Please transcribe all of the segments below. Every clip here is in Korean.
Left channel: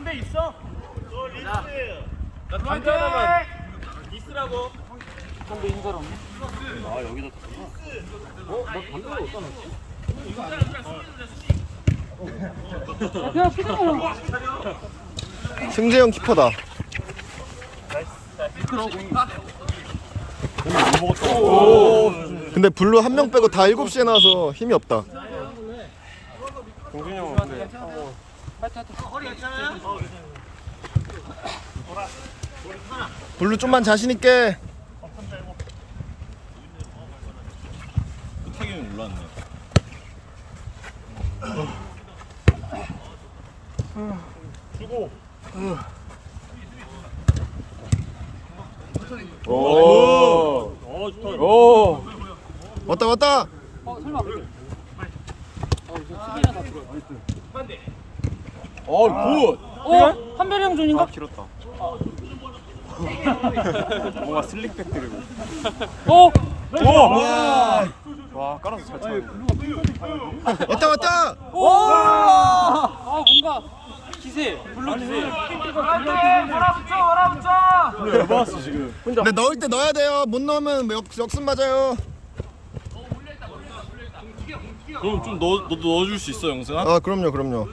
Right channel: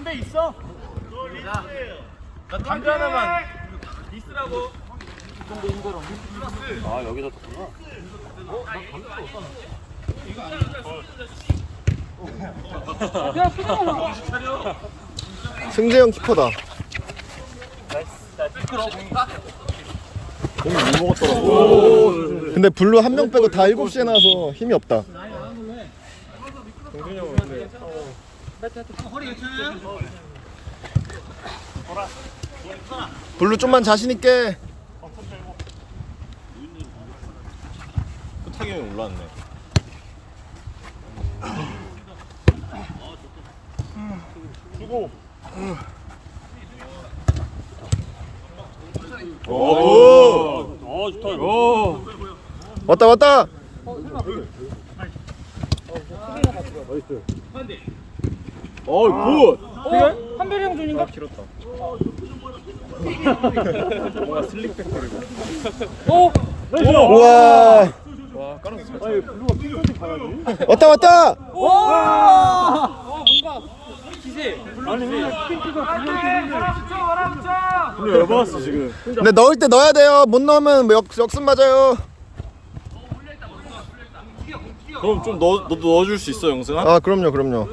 담배 있어? 나 담배 하나만 리스라고. 아 여기다 뒀구나. 승재형 키퍼다. 근데 블루 한 명 빼고 다 7시에 나와서 힘이 없다. 블루 좀만 자신 있게. 타격이 올라왔네 수고 오어 좋다. 오. 왔다 왔다. 어, 굿. 어? 한별이 형 존인가? 아, 길었다. 뭔가 슬립백 그리고. 어? 우와. 와, 깔아서 잘 쳐. 왔다 왔다. 아 뭔가 기세. 물론 기세. 오늘 왜 봤어 지금? 근데 넣을 때 넣어야 돼요. 못 넣으면 뭐 역, 역습 맞아요. 그럼 좀 넣어, 너도 넣어줄 수 있어, 영승아? 아 그럼요 그럼요.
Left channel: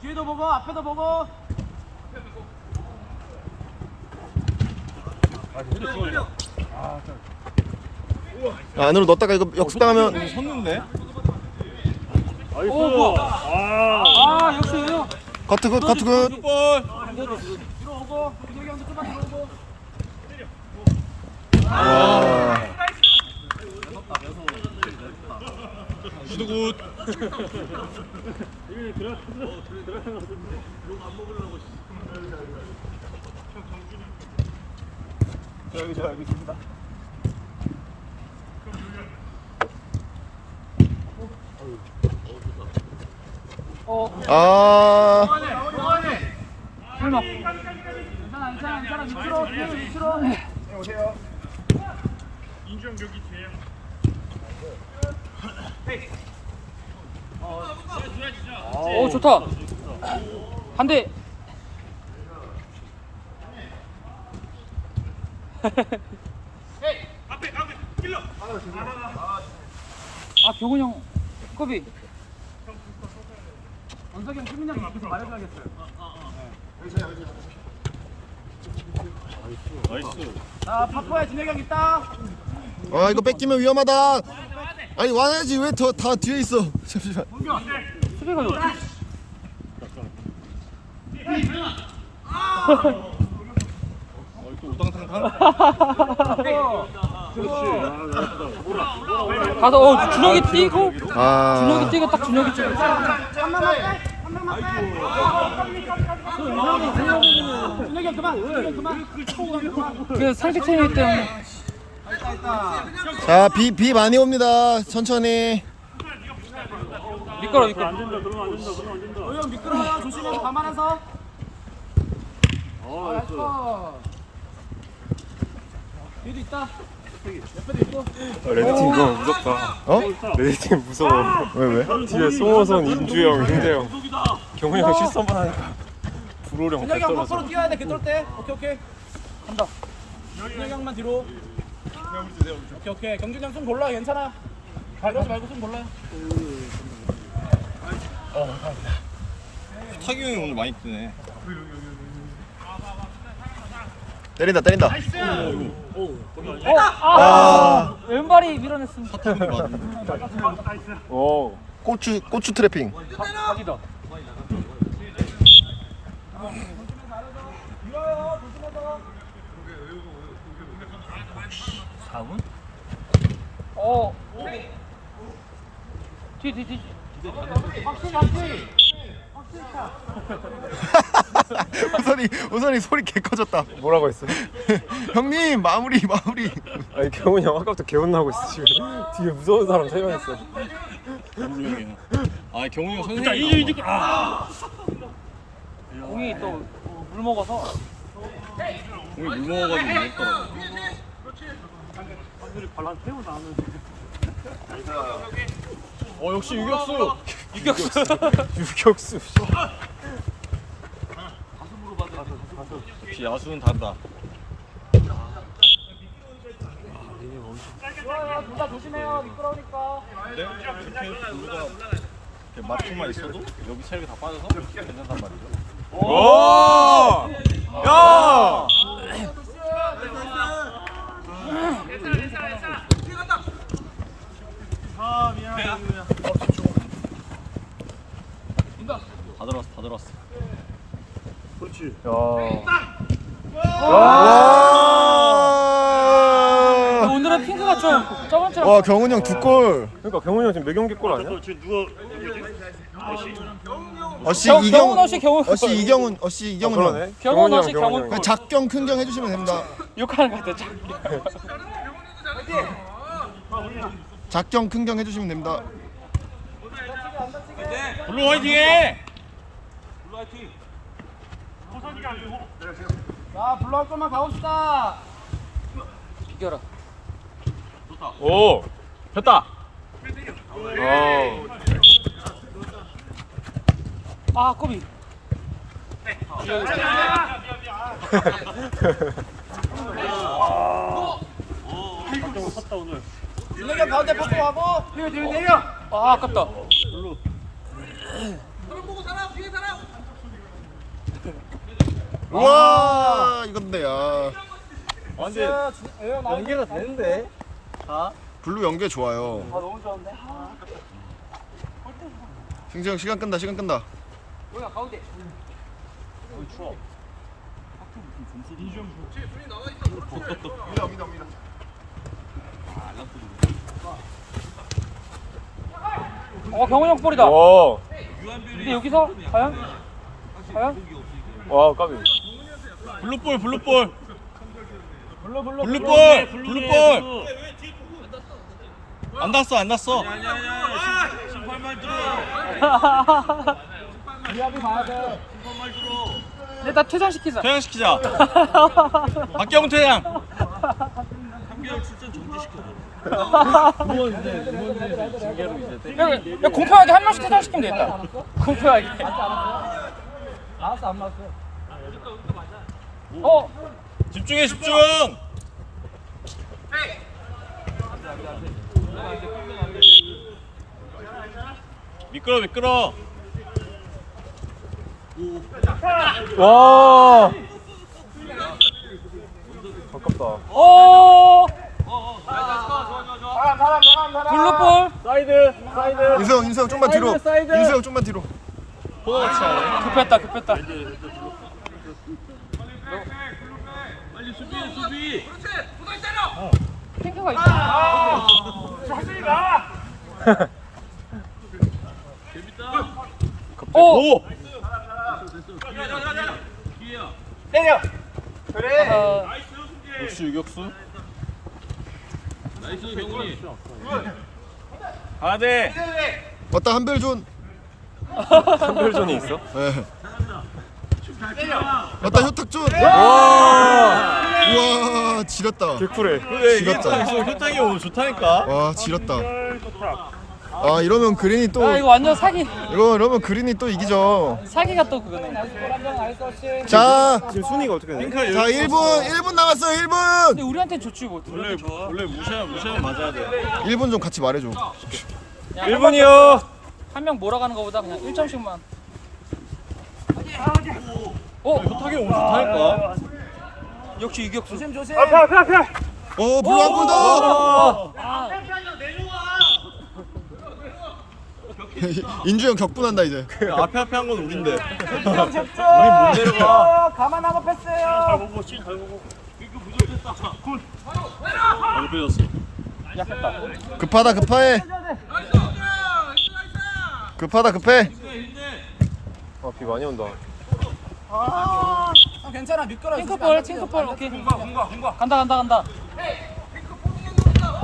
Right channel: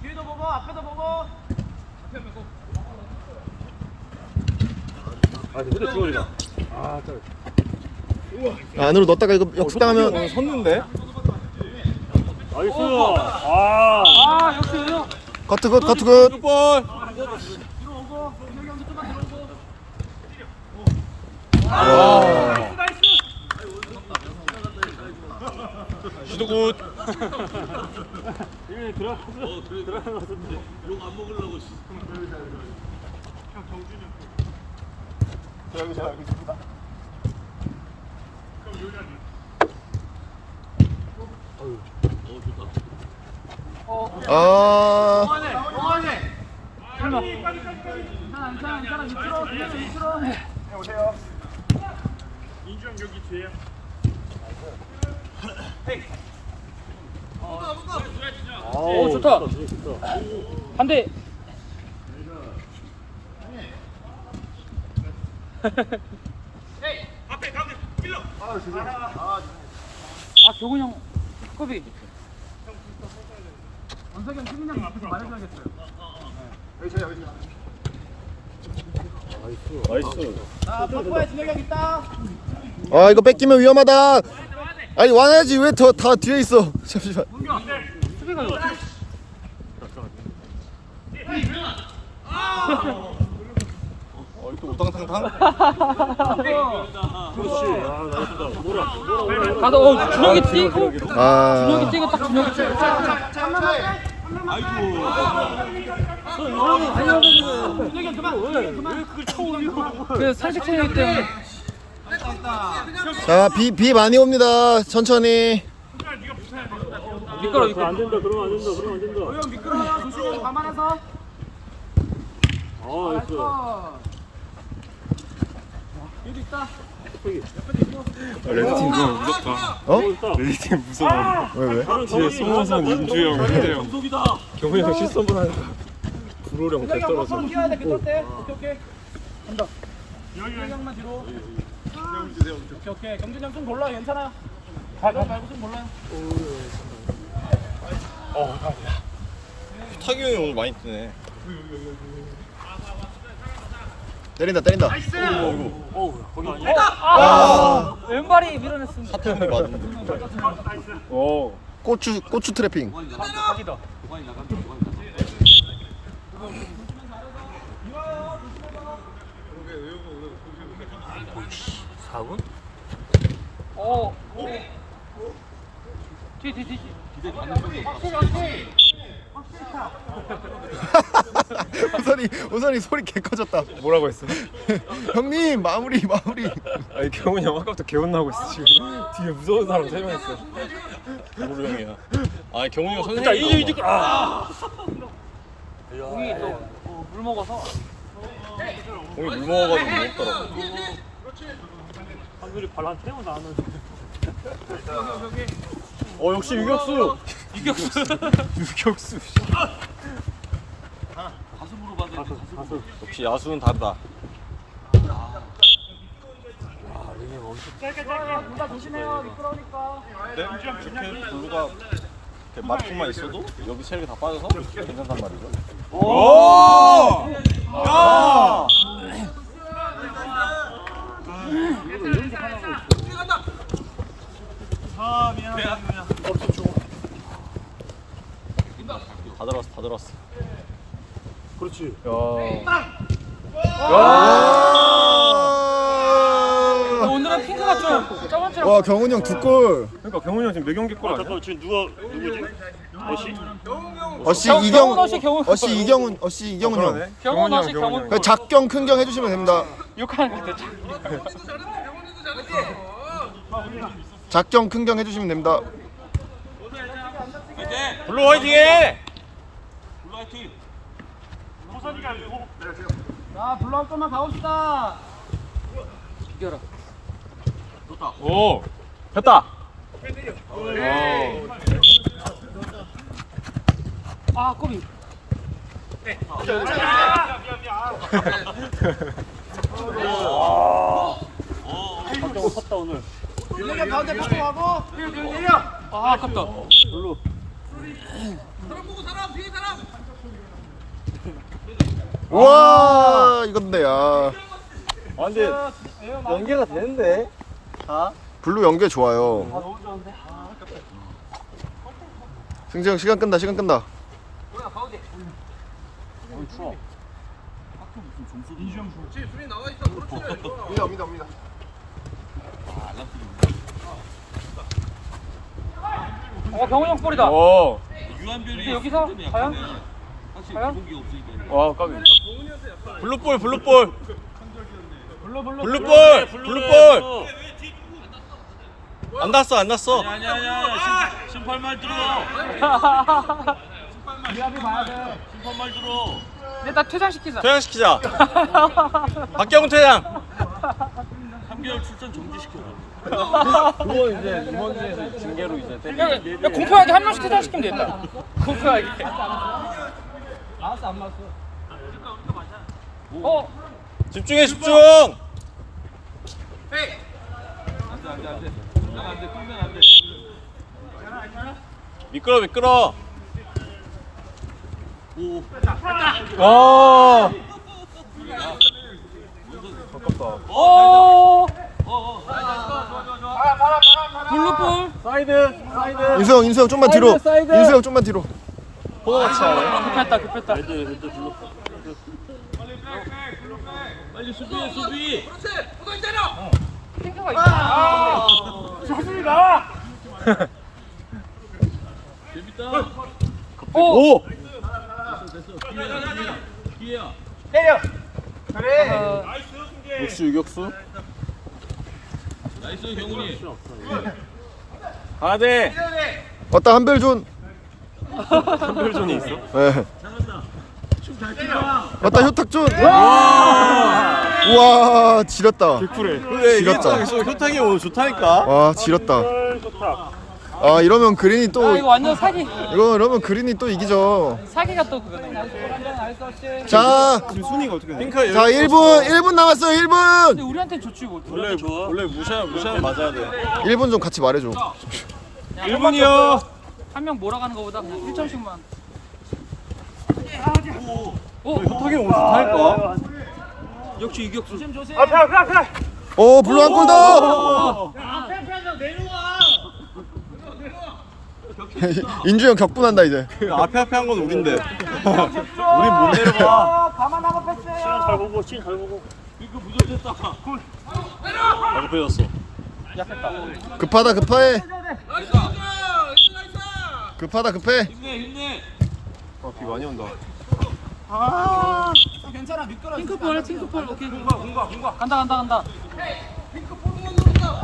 뒤에도 보고 앞에도 보고. 안으로 넣었다가 이거 역습당하면 어, 섰는데? 나이스. 아. 아 역시. 커트 굿 커트 굿. 볼. 와. 시도 굿. 이게 들어 들어 가서 아. 설마. 오 좋다. 한대. 아 교훈이 형 kop이. 원석이 형 수빈이 형 앞에서 말해줘야겠어요. 나이스. 아 버프에 진혁이 형 있다. 아 이거 뺏기면 위험하다. 아니 와야지 왜 더 다 뒤에 있어. 잠시만. 여기. 어, 또 우당탕탕? 그렇지. 아 나왔다. 뭐라 뭐라. 가서 어 준혁이 뛰고 아. 준혁이 뛰고 딱 준혁이 뛰고. 그 상식 체육 때문에 자, 비, 비 많이 옵니다. 천천히. 미끄러 안 미끄러. 된다. 그러면 안 된다. 그러면 안 된다. 미끄러 감안해서. 아 있다. 레드팀 너무 무섭다. 어? 레드팀 무서워. 왜, 왜? 뒤에 송호선, 임주영, 현재형. 경훈이 형 실수 한번 하니까 불호령 개 떨어져. 서로 뛰어야 돼. 그럴 때. 오케이 오케이. 간다. 준혁이 형만 뒤로. 오케이 오케이. 경준이 형좀 골라 괜찮아. 이러지 말고 좀 골라. 타기 형이 오늘 많이 뜨네. 때린다, 때린다. 아이고. 어, 아, 왼발이 밀어냈습니다. 사태훈이 맞은데. 오. 고추, 고추 트래핑. 각이다. 어. 뒤, 뒤, 뒤. 확실히, 확실히. 우선이, 우선이 소리 개 커졌다. 뭐라고 했어? 형님, 마무리, 마무리. 아니 경훈이 형 아까부터 개운나고 있어 지금. 뒤에 무서운 사람 세 명 있어. 불호령이야. 아 경훈이 형 선생님이 너무 많아. 공이 또 물 먹어서. 오늘 물 먹어가지고 무섭더라고. 우리 바람 태우 나는. 어 역시 유격수. 유격수. 역시 야수는 다르다. 네? 이렇게 블루가 이렇게 맞고만 있어도 여기 체력이 다 빠져서 괜찮단 말이죠. 오! 야! 다 들었어, 다 들었어. 그렇지. 야. 와! 오늘은 핑크가 좀 저번 와 경훈 형 두 골. 그러니까 병훈이 형 지금 몇 경기 골 아니야? 또 지금 누가 누구지? 어시? 어씨 경- 이경훈. 경훈 어씨, 경훈. 어씨 이경훈. 어씨 이경훈 형. 그러네. 경훈 경훈이 경훈? 형. 그냥 작경 큰경 해주시면 됩니다. 욕하는 것 같아. 작경 큰경 해주시면 됩니다. 블루 화이팅해! 아한 번만 가봅시다. 비겨라. 오, 됐다. 아 꼬비. 박경 섰다 오늘. 윤혜경 가운데 퍼스하고 윤혜경. 아 아깝다. 별로. 와 이건데 야. 아, 근데 연계가 되는데? 블루 연계 좋아요. 승재 형 시간 끈다 시간 끈다. 어 경훈 형 볼이다. 와, 근데 여기서 과연? 와, 까비. 블루볼, 블루볼. 블루볼, 블루볼. 안 났어, 안 났어. 심판만 들어. 미합이 봐야 돼. 심판만 들어. 일단 퇴장시키자. 퇴장시키자. 박경훈 퇴장. 3개월 출전 정지시켜. 그거 이제 이번 주에 징계로 이제 야, 야 공평하게 한 명씩 퇴장시키면 되겠다. 공평하게. 알았어 안 맞았어. 어 집중해, 집중. 미끄러, 미끄러. 와. 아깝다. 오. 블루볼. 사이드, 사이드. 인수 형 인수 형 좀만 뒤로. 사이드, 사이드. 인수 형 좀만 뒤로. 코너 같이 하네. 급했다 급했다. 핑크가 있다. 오. 오. 역시 유격수. 가야 돼. 왔다 한별존. 한별존이 있어? 예. 왔다 효탁존. 와. 우와 지렸다. 그래. 지렸다. 효탁이 오늘 좋다니까. 와 지렸다. 아 이러면 그린이 아또 이거 완전 사기. 이거 이러면 그린이 또 이기죠. 사기가 또 그거네. 자, 지금 순위가 어떻게 돼? 자 1분 1분 남았어요 1분. 근데 우리한테 좋지 뭐. 원래 원래 무시하면 무시하면 맞아야 돼. 1분 좀 같이 말해줘. 1분이요. 한 명 몰아가는 것보다 그냥 1점씩만. 어, 오늘 좋다니까. 역시 유격수. 조심 조심. 앞에 앞에 앞에. 오 블루 한골 더. 인주 형 격분한다 이제. 앞에 앞에 한 건 우린데. 우린 못 내려가. 가만 하고 패스해요. 잘 보고 치잘 보고. 아, 높여졌어. 급하다 급해. 급하다 급해. 아, 비 많이 온다. 괜찮아 미끄러. 핑크볼 핑크볼 오케이. 간다 간다 간다.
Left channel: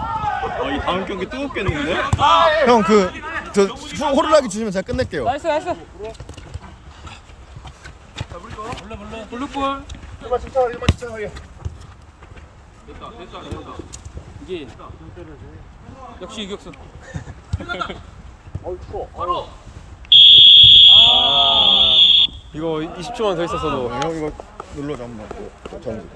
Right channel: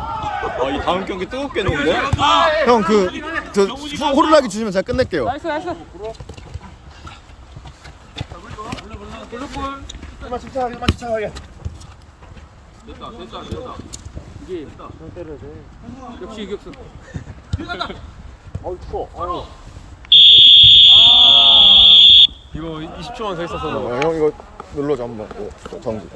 아, 이 다음 경기 뜨겁겠는데? 형 그 저 호루라기 주시면 제가 끝낼게요. 나이스 나이스. 블루볼. 좀만 침착하게 좀만 침착하게. 이게 역시 유격수. 어이 추워. 바로. 아. 이거 20초만 더 있었어. 어, 이거 눌러 잠깐만. 정지.